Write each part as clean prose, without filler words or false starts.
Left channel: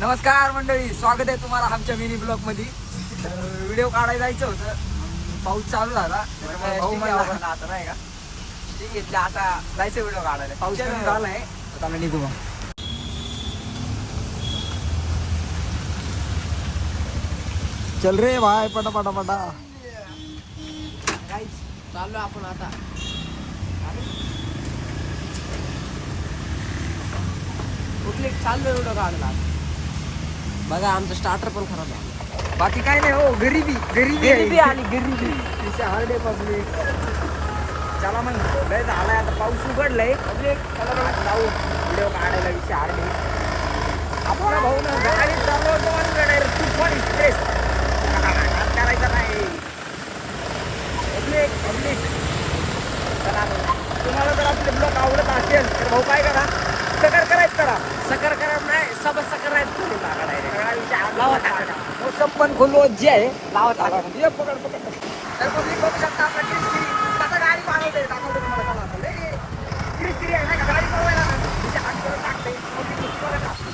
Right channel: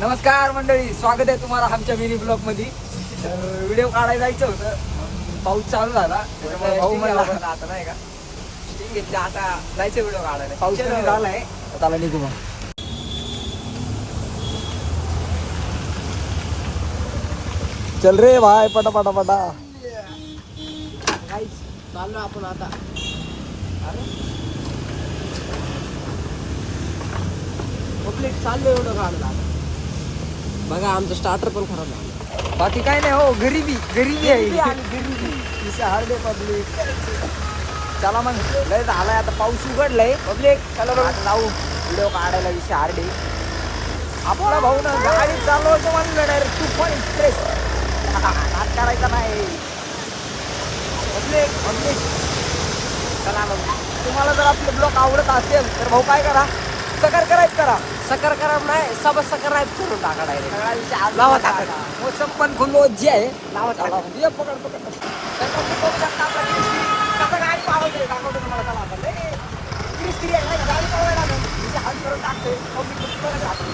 नमस्कार मंडळी, स्वागत आहे तुम्हाला आमच्या मिनी ब्लॉग मध्ये. व्हिडिओ काढायला जायचं होतं, पाऊस चालू झाला. भाऊ म्हणला आता नाही का, ठीक आहे आता जायचं व्हिडिओ काढायला. पाऊस कमी झालाय, त्याला निघू मग. चल रे भाई, पटा पटा पटा. चाललो आपण आता. चाललो एवढं काढला. बघा आमचं स्टार्टर पण खराब झालं. बाकी काय नाही हो, गरीबी गरीबी आहे आणि गरीबी हार्ड आहे पब्लिक. चला मग, लय झालाय आता, पाऊस उघडलाय पब्लिक. चला जाऊ व्हिडिओ काढायला. विषय हार्ड आहे. आपला भाऊ ना गाडी चालवतो म्हणजे डायरेक्ट तुफान एक्सप्रेस. नाद करायचा नाही पब्लिक पब्लिक. चला तुम्हाला जर आपले ब्लॉग आवडत असेल तर भाऊ काय करा, सबस्क्राईब करा. सकराब नाही, सबस्क्राईब करून टाका डायरेक्ट. सगळा विषय लावा टाका. मोसम पण खुल्लो जे आहे लावा टाका. ये पकड पकड. तर पब्लिक बघू शकता आपण कसं गाडी पाळवते. दाखवतो तुम्हाला का माहिती आहे. क्रिस्पी आहे ना गाडी पाळवायला ना, तिचे हात करून टाकते. पब्लिक तुम्हाला टाकते.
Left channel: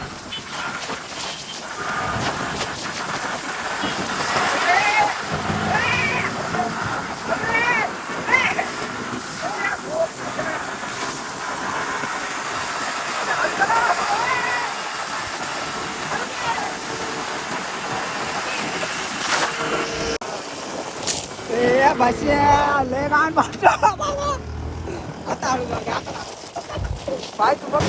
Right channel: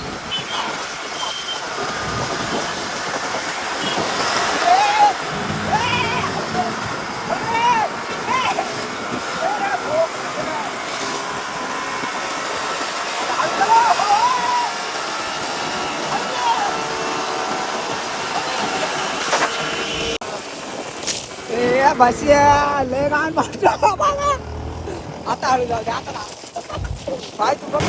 भाषा लय गाण आता हळू जाऊ दे. आता पाय तू बघ.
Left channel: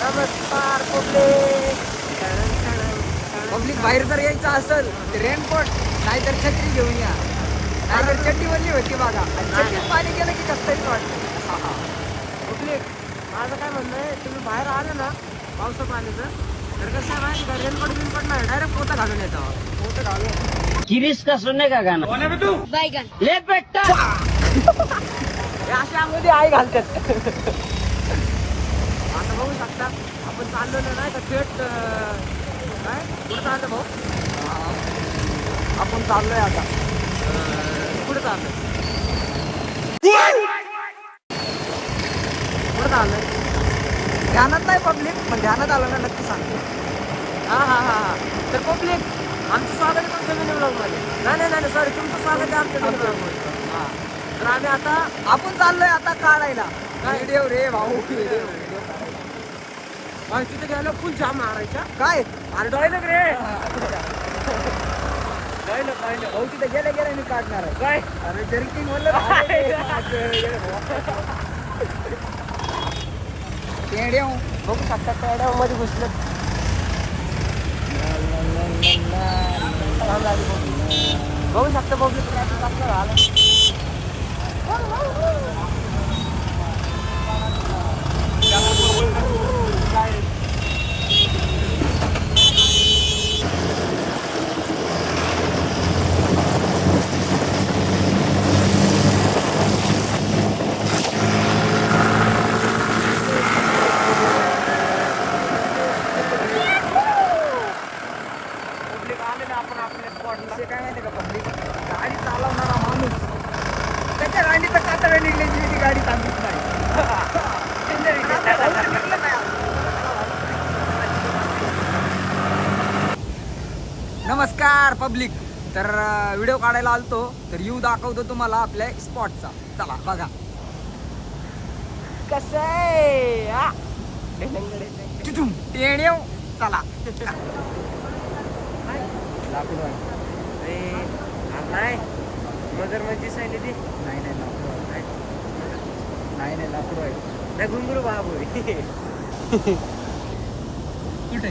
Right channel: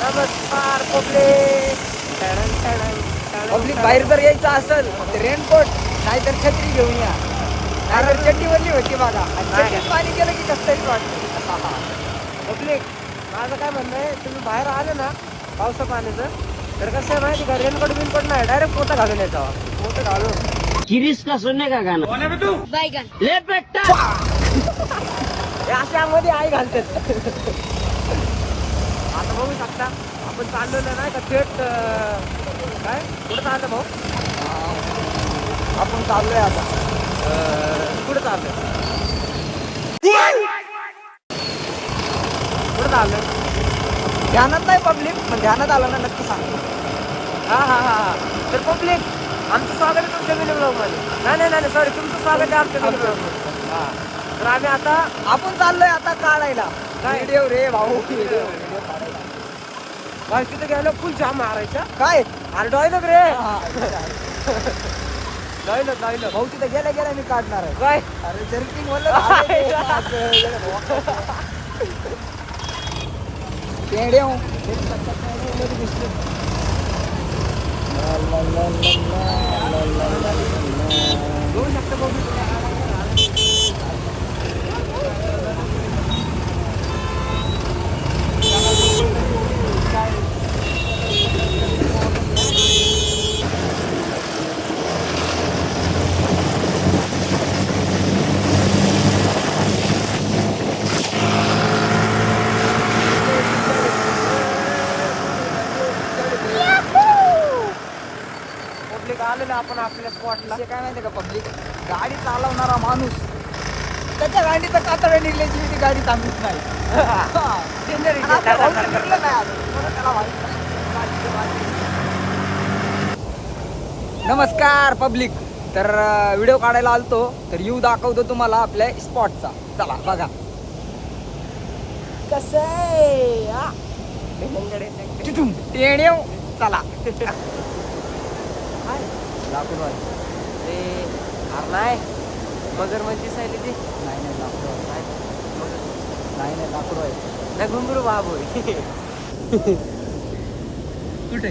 नमस्कार पब्लिक. बाहेर जर यायचं असेल तर रेनकोट नाहीतर छत्री घेऊन या, नाहीतर चड्डी वरली होती बघा. आणि चड्डीत पाणी गेलं की कसं तरी वाटतं. पब्लिक, माझं काय म्हणणं आहे, तुम्ही बाहेर आले ना पावसा पाण्याचं, तर कसं आहे माहिती का, रेनकोट बिनकोट नाही, डायरेक्ट पोतं घालून यायचा. मोठं घालून किरीस का सुनने का गाना बैगन ले बेटा हे अशामध्ये आई घालतात. आता बघू शकता आपण चाललेलो नाही का थेट. काय कुठं चाललं भाऊ? आपण चाललोय आता. कुठं चाललंय? कुठं चाललंय? ध्यानात नाही पब्लिक, पण ध्यानात आलं ना नक्की सांगतो. हा. तर पब्लिक, आमचं स्वागत आहे तुमच्या मिनी ब्लॉग मध्ये. नाही सॉरी, तुमचं स्वागत आहे आमच्या मिनी ब्लॉग मध्ये. हा, तर आम्ही आता आपण चाललोय आता काढायला. काय? व्हिडिओ रे भाऊ, व्हिडिओ. बस तिथे गेलो फुल जाम मारायच्या. काय अरे डॉयलग रे, डॉयलग. भाऊ तिथे गेल्या गेल्या मी काढणार आहे. काय? अरे जर्किंग बोललं पेड्या बघू शकता पेड्या मध्ये घुसलं. बघू शकता बघू. आपण आपल्या स्पॉटला काय माहिती का पब्लिक, गाडी चालवणारा माणूस त्याच्या गाडीचं कातडं निघल्याची ती गाडी थांबलीच नाही. आणि आपल्या भाऊचं निघलं नाही आज. त्याला माहित नाही. नमस्कार पब्लिक. तर व्हिडिओ काढायला आलतो, तर येऊ दाखवतो तुम्हाला आपल्या स्पॉटचा. चला बघा कसं आहे. टेण्या चला. लाकूड आहे. नाही मगर मध्ये दिसायली ती. नाही लाकूड आहे. काय मगर? नाही लाकूड आहे. नाही घुंगरू बाबू कुठे